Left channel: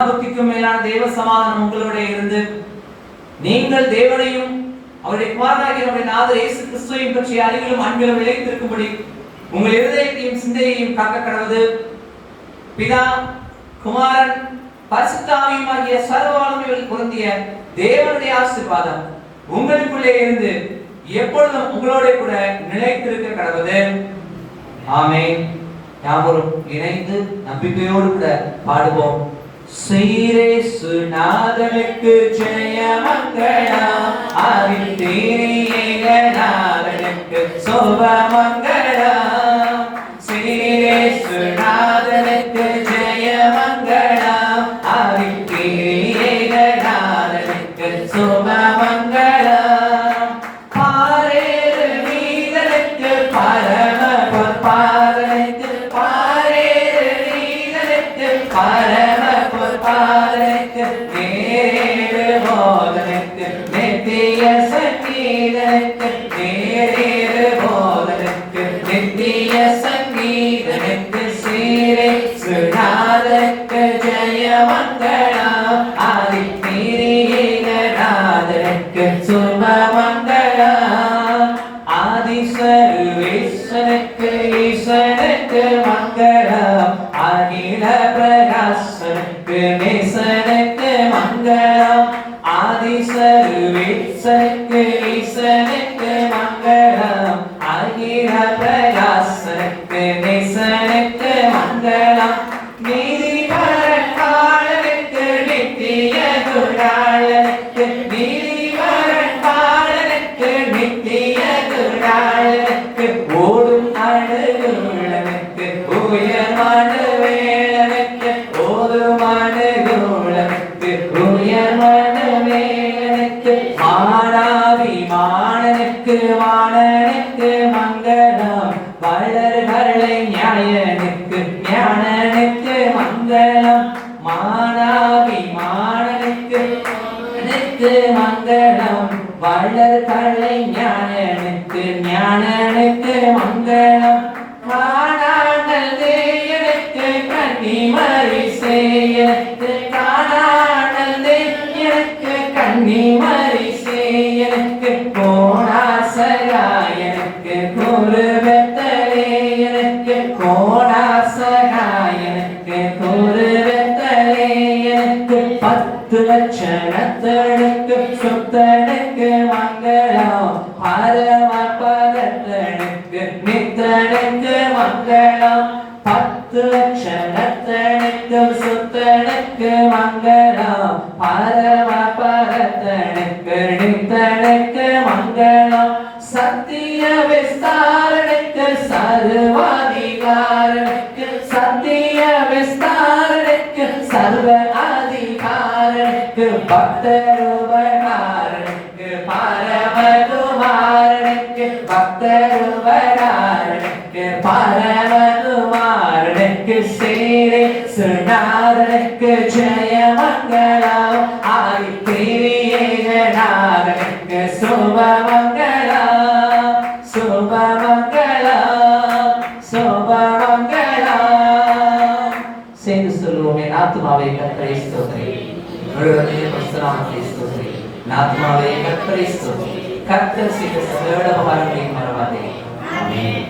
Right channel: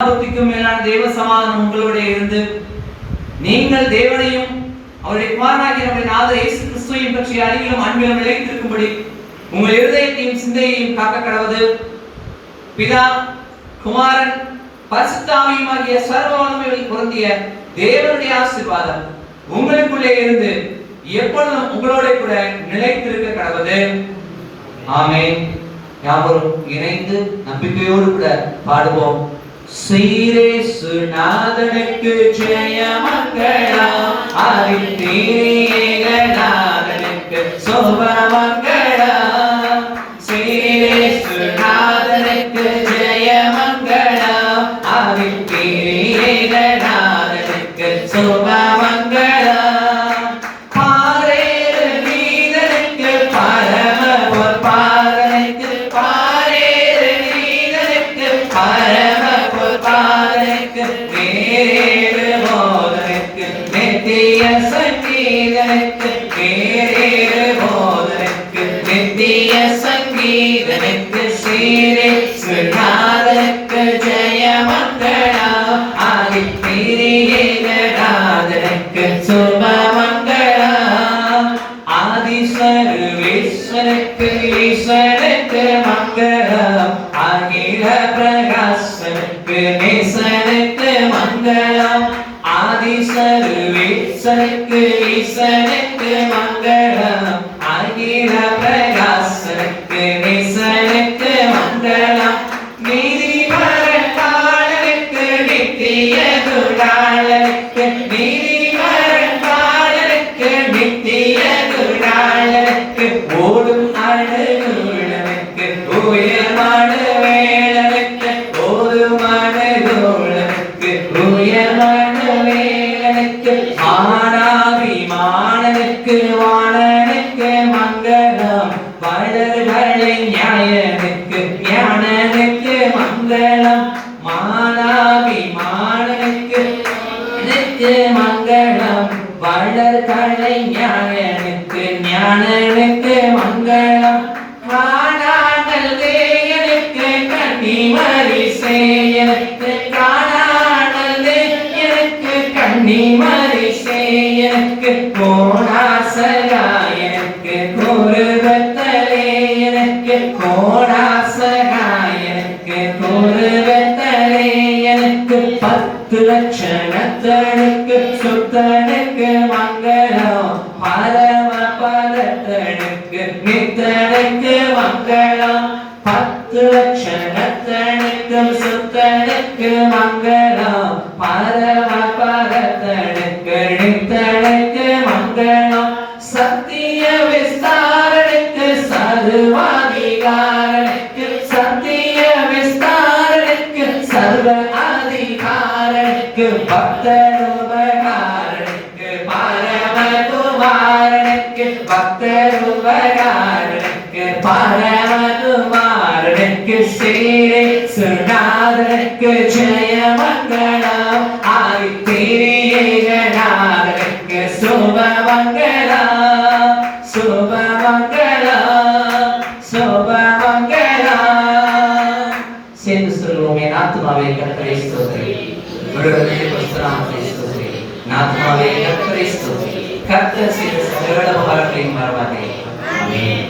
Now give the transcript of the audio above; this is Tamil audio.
புத்திக்கும் மேலான தேவ சமாதானம் உங்களோட இருந்து நீங்கள் தேவனையும் அவருடைய குமாரனாகிய நம்முடைய நாதர் இயேசு கிறிஸ்துவையும் பற்றிய அறிவிலும் அன்பிலும் நிலைத்திருக்கும்படி உங்கள் இருதயத்தையும் சிந்தையையும் காக்க கடவுது. பிதா குமாரன் பரிசுத்த ஆவியுமாகிய சர்வ வல்லமையில் பொருந்திய தேவனுடைய ஆசீர்வாதம் உங்களுக்குள்ளே இருந்து எப்பொழுதும் உங்களோட கூட நிலைத்திருக்க கடவுது. ஆமென். யாவரும் இணைந்து நம்பிக்கையோடு கூட பாடுவோம். சீரேசு நாதனுக்கு ஜெயமங்களம், ஆதித்தீரிய நாதனுக்கு சோபமங்களம். சீரேசு நாதனுக்கு ஜெயமங்களம், ஆதித்தீரிய நாதனுக்கு சோபமங்களம். பாரேறு நீதனுக்கு பரம பொற்பாதனுக்கு, பாரேறு நீதனுக்கு பரம பொற்பாதனுக்கு, நேரேறு போதனுக்கு நித்திய சங்கீதனுக்கு, நேரேறு போதனுக்கு நித்திய சங்கீதனுக்கு, சீரேசு நாதனுக்கு ஜெயமங்களம், ஆதித்தீரிய நாதனுக்கு சுபமங்களம். ஆதிசர்வேஸ்வரனுக்கு ஈஸ்வரனுக்கு மங்களம், அகில பிரகாசனுக்கு நேசனுக்கு மங்களம். ஆதிசர்வேஸ்வரனுக்கு ஈஸ்வரனுக்கு மங்களம், அகில பிரகாசனுக்கு நேசனுக்கு மங்களம். நீதிமரன் பாலனுக்கு நித்திய குருடாளனுக்கு, நீதிமரன் பாலனுக்கு நித்திய குருடாளனுக்கு, ஓடும் அழுகுளனுக்கு உயர்மான வேளனுக்கு, ஓதுமான குளனுக்கு உயர்மான வேளனுக்கு, மானாபிமானனுக்கு வாணனுக்கு மங்களம், வளர்களை ஞாயனுக்கு ஞானனுக்கு மங்களம். மானாபிமானனுக்கு மங்களம், வளர்களை ஞானனுக்கு ஞானனுக்கு மங்களம். காணாமல் தேயனுக்கு கன்னிமரி சேயனுக்கு, காணாமல் தேயனுக்கு கன்னிமரி சேயனுக்கு, கோணாசகாயனுக்கு குருவத்தலேயனுக்கு, கோணாசகாயனுக்கு குருவத்தலேயனுக்கு, 10 லட்சணத்தனுக்கு சுத்தனுக்கு மங்களம், பரம பதத்தனுக்கு நித்தனுக்கு மங்களம். 10 லட்சணத்தனுக்கு சுத்தனுக்கு மங்களம், பரம பதத்தனுக்கு நித்தனுக்கு மங்களம். சத்திய விஸ்தாரனுக்கு சர்வாதிகாரனுக்கு, சத்திய விஸ்தாரனுக்கு சர்வ அதிகாரனுக்கு, பக்தருபகாரனுக்கு பரமகுமாரனுக்கு, பக்தருபகாரனுக்கு பரமகுமாரனுக்கு, சீரேசு நாதனுக்கு ஜெயமங்களம், ஆதித்தீரிய நாதனுக்கு சுபமங்களம், சுபமங்களம், சுபமங்களம். சேர்ந்து சொல்லுவோம். என் ஆத்துமாவே கர்த்தரை ஸ்தோத்திரி, முழுவதுமே பரிசுத்தநாமத்தை ஸ்தோத்திரி. என் ஆத்துமாவே கர்த்தரை ஸ்தோத்திரி, கர்த்தர் செய்த சகல உபகாரங்களையும் மறவாதே. ஆமென்.